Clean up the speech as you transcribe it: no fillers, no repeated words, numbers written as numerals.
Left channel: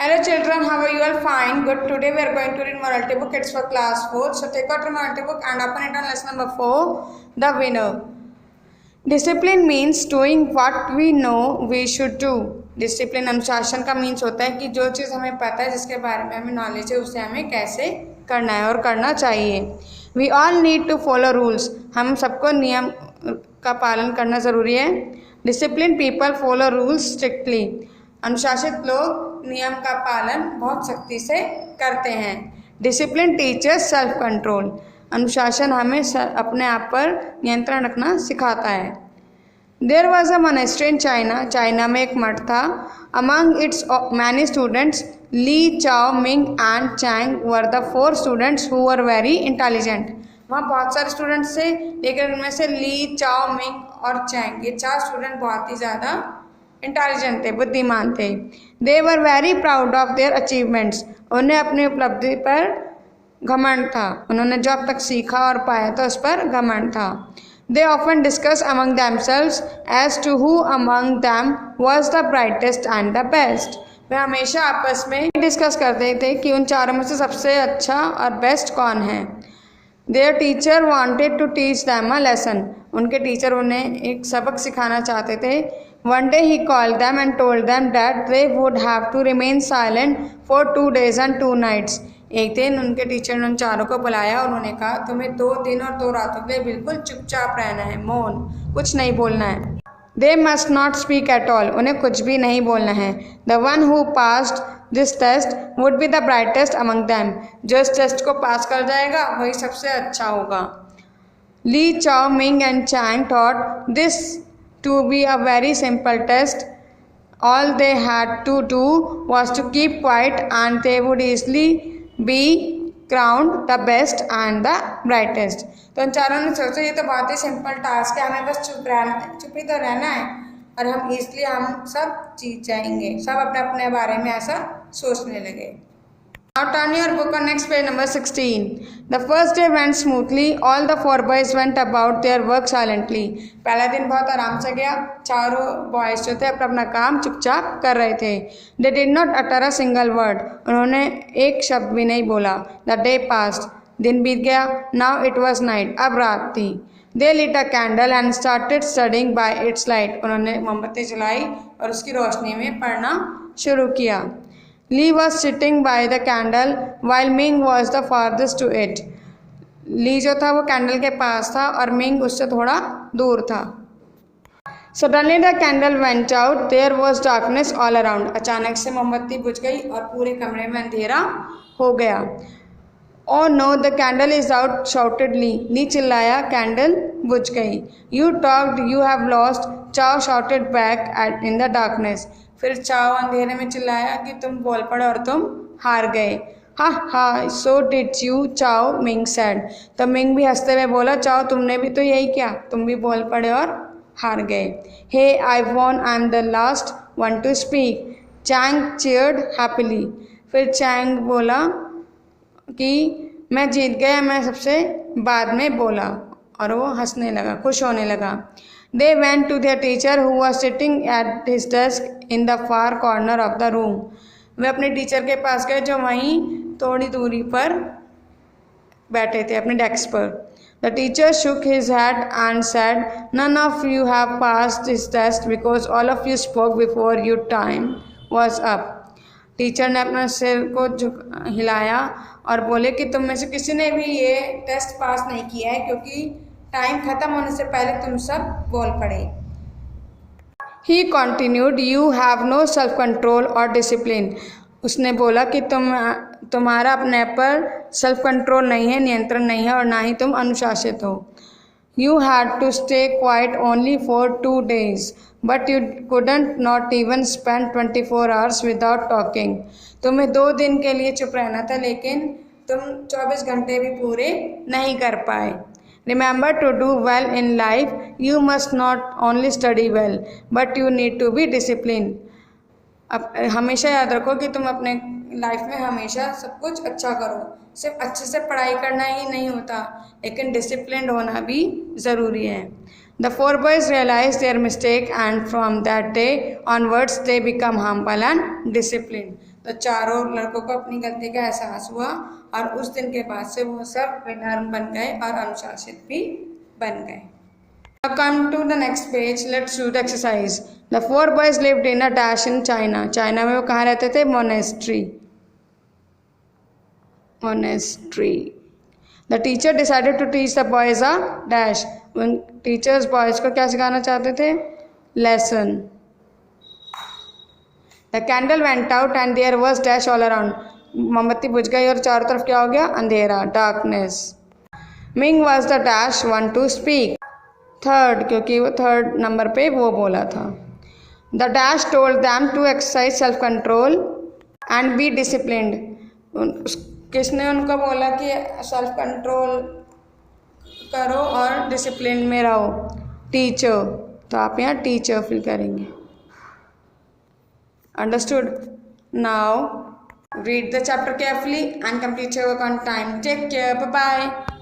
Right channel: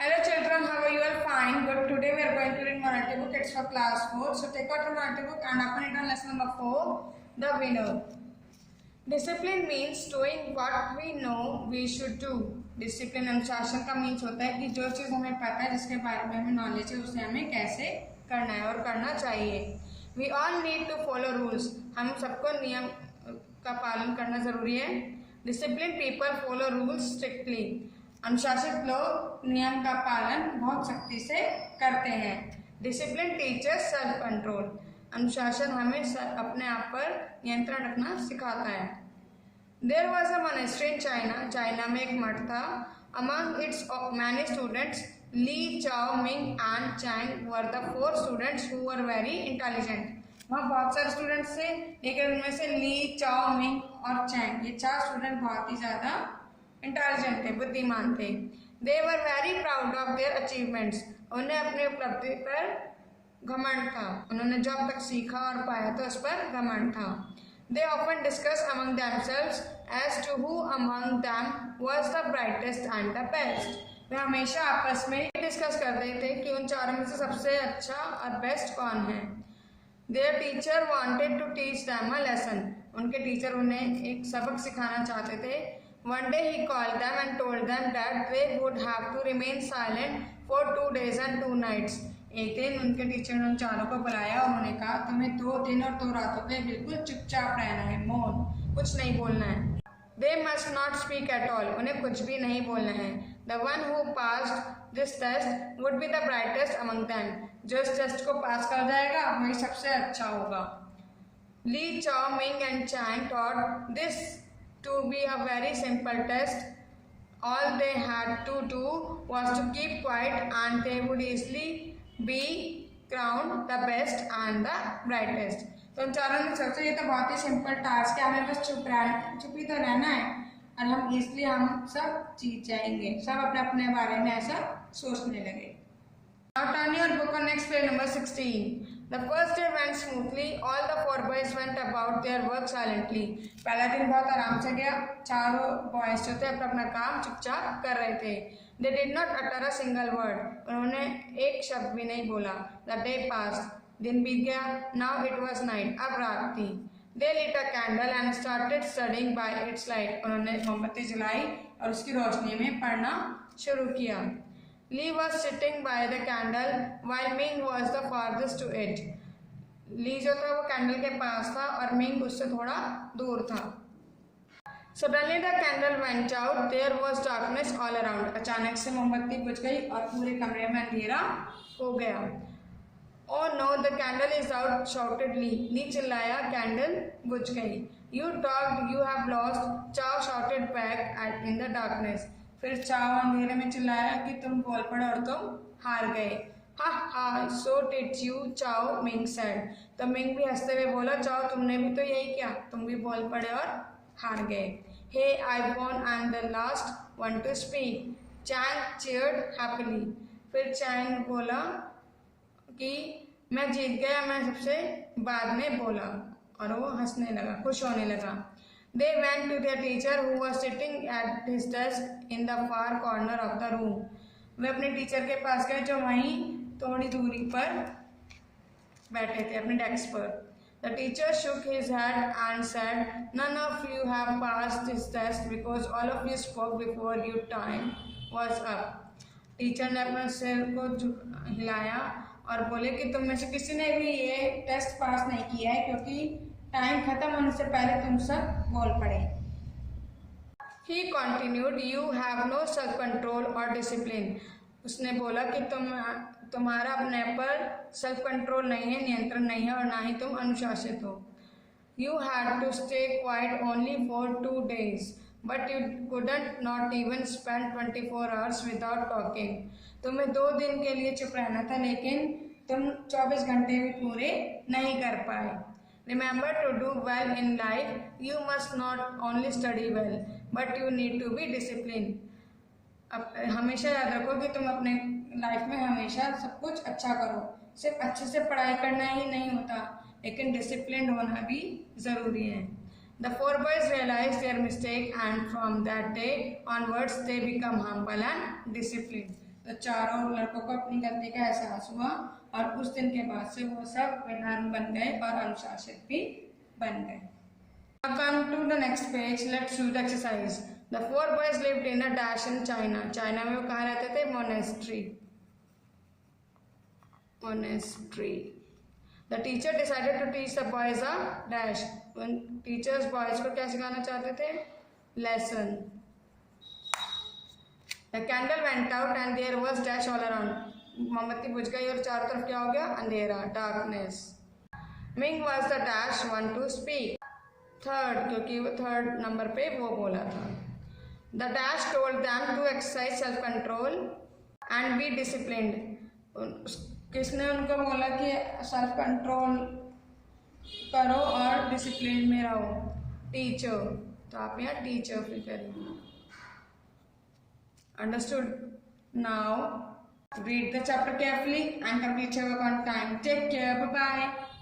Hello children, how are you all? Fine, good. Today we are going to read morality book. It's for class 4. So take out your morality book and open it on lesson number 4, The Winner. Discipline means doing what we know we should do. Discipline अनुशासन का means होता है कि जो चीज़ हमें पता है, जिसके बारे में हमें नॉलेज है, उसे हमें कैसे करना है और करना चाहिए. We all need to follow rules. हम सबको नियम का पालन करना ज़रूरी है. Discipline people follow rules strictly. अनुशासित लोग नियम का पालन बहुत सख्ती से करते हैं. Discipline teachers self control. अनुशासन हमें अपने आप पर नियंत्रण रखना सिखाता है. There was a monastery in China. China में एक मठ था. Among its many students Li, Chao, Ming and Chang were the 4 students who were very intelligent. वहाँ बहुत सारे स्टूडेंट्स थे, लेकिन उनमें से ली, चाओ, मिंग और चैंग, ये 4 स्टूडेंट बहुत ही ज़्यादा इंटेलिजेंट थे, बुद्धिमान थे. They were very proud of their achievements. उन्हें अपनी उपलब्धि पर घमंड था. उन्होंने जो अब तक सीखा और पाया था उस पर घमंड था. They often discuss among themselves as to who among them was the brightest and the best. वे हमेशा आपस में डिस्कस करते थे कि उन चारों में से सबसे अच्छा और बेस्ट कौन है. Their teacher wanted to teach them a lesson. उनके टीचर उन्हें एक सबक सिखाना चाहते थे. One day he called them and told them that they would have to remain silent for 2 days and 2 nights. एक दिन उनके टीचर ने उन चारों को बुलाया और उन्होंने कहा, तुम्हें 2 दिन और 2 रातों के लिए बिल्कुल चुपचाप रहना है, मौन, कुछ नहीं बोलना है. They must not speak at all. उन्हें कुछ भी नहीं बोलना है. The one who passed this test would be the brightest among them. जो इस टेस्ट को पास कर जाएगा वही सबसे अच्छा होगा. Li, Chao, Ming and Chang thought this to be a very simple test. All they had to do was to keep quiet and they would easily be crowned the best and the brightest. तो इन चारों ने सोचा ये तो बहुत ही simple task है, हमें बस चुप ही तो रहना है और हम इसलिए हम सब जीत जाएंगे. सब अपने अपने बारे में ऐसा सोचने लगे. Now turn your book on next page number 16. The first day went smoothly. All the 4 boys went about their work silently. पहला दिन बहुत आराम से गया. चारों बॉयज जो थे अपना अपना काम चुपचाप कर रहे थे. They did not utter a single word. उन्होंने एक शब्द भी नहीं बोला. The day passed. दिन बीत गया. Now it was night. अब रात थी. They lit a candle and started studying by its light. उन्होंने मोमबत्ती जलाई और उसकी रोशनी में पढ़ना शुरू किया. Lee was sitting by the candle while Ming was the farthest to it. ली जो था वो कैंडल के पास था और मिंग उससे थोड़ा दूर था. Suddenly the candle went out. There was darkness all around. अचानक से मोमबत्ती बुझ गई और पूरे कमरे में अंधेरा हो गया. Oh no, the candle is out, shouted Lee. ली चिल्लाया, कैंडल बुझ गई. You talked, you have lost, Chao shouted back in the darkness. फिर चाओ अंधेरे में चिल्लाया कि तुम बोल पड़े और तुम हार गए. हा हा, सो डिड यू, चाओ, मिंग सेड. तो मिंग भी हंसते हुए बोला, चाओ तुमने भी तो यही किया, तुम भी बोल पड़े और हार गए. Hey I won, I am the last one to speak, Chang cheered happily. फिर चैंग बोला कि मैं जीत गया, मैं सबसे बाद में बोला, और वो हंसने लगा, खुश होने लगा. They went to their teacher who was sitting at his desk in the far corner of the room. वे अपने टीचर के पास गए जो वहीं थोड़ी दूरी पर बैठे थे अपने डेस्क पर. The teacher shook his head and said, none of you have passed this test because all of you spoke before your time was up. Teacher ने अपना सिर को हिलाया और बोले कि तुम में से किसी ने भी ये टेस्ट पास नहीं किया है क्योंकि टाइम खत्म होने से पहले तुम सब बोल पड़े. He continued, you have no self control or discipline. उसने बोला कि तुम्हारा अपने पर सेल्फ कंट्रोल नहीं है, नियंत्रण नहीं है और ना ही तुम अनुशासित हो. You had to stay quiet only for 2 days, but you couldn't not even spend 24 hours without talking. तुम्हें 2 दिन के लिए चुप रहना था, लेकिन तुम 24 घंटे भी पूरे नहीं कर पाए. Remember, to do well in life, you must not only study well, but you need to be disciplined. अब हमेशा याद रखो कि तुम अपने लाइफ में हमेशा सब कुछ अच्छा करो. सिर्फ अच्छे से पढ़ाई करना ही नहीं होता, लेकिन डिसिप्लिन होना भी ज़रूरी है. The 4 boys realized their mistake and from that day onwards they become humble and disciplined. तो चारों लड़कों को अपनी गलती का एहसास हुआ और उस दिन के बाद से वो सब विनम्र बन गए और अनुशासित भी बन गए। Now come to the next page. Let's do the exercise. The four boys lived in a dash in China. China में वो कहाँ रहते थे? Monastery. Monastery. The teacher decided to teach the boys a dash. उन teachers boys को क्या सिखाना चाहते थे? Lesson. The candle went out and there was dash all around. मोमबत्ती बुझ गई और चारों तरफ क्या हो गया? अंधेरा. Darkness. Ming was the dash one to speak. Third, क्योंकि वो थर्ड नंबर पे वो बोला था। The dash told them to exercise self control and be disciplined. किसने उनको बोला कि सेल्फ कंट्रोल करो और डिसिप्लिन में रहो? टीचर। तो आप यहाँ टीचर फिल करेंगे। Understood? Now read the chapter carefully and complete your work on time. Take care, bye bye.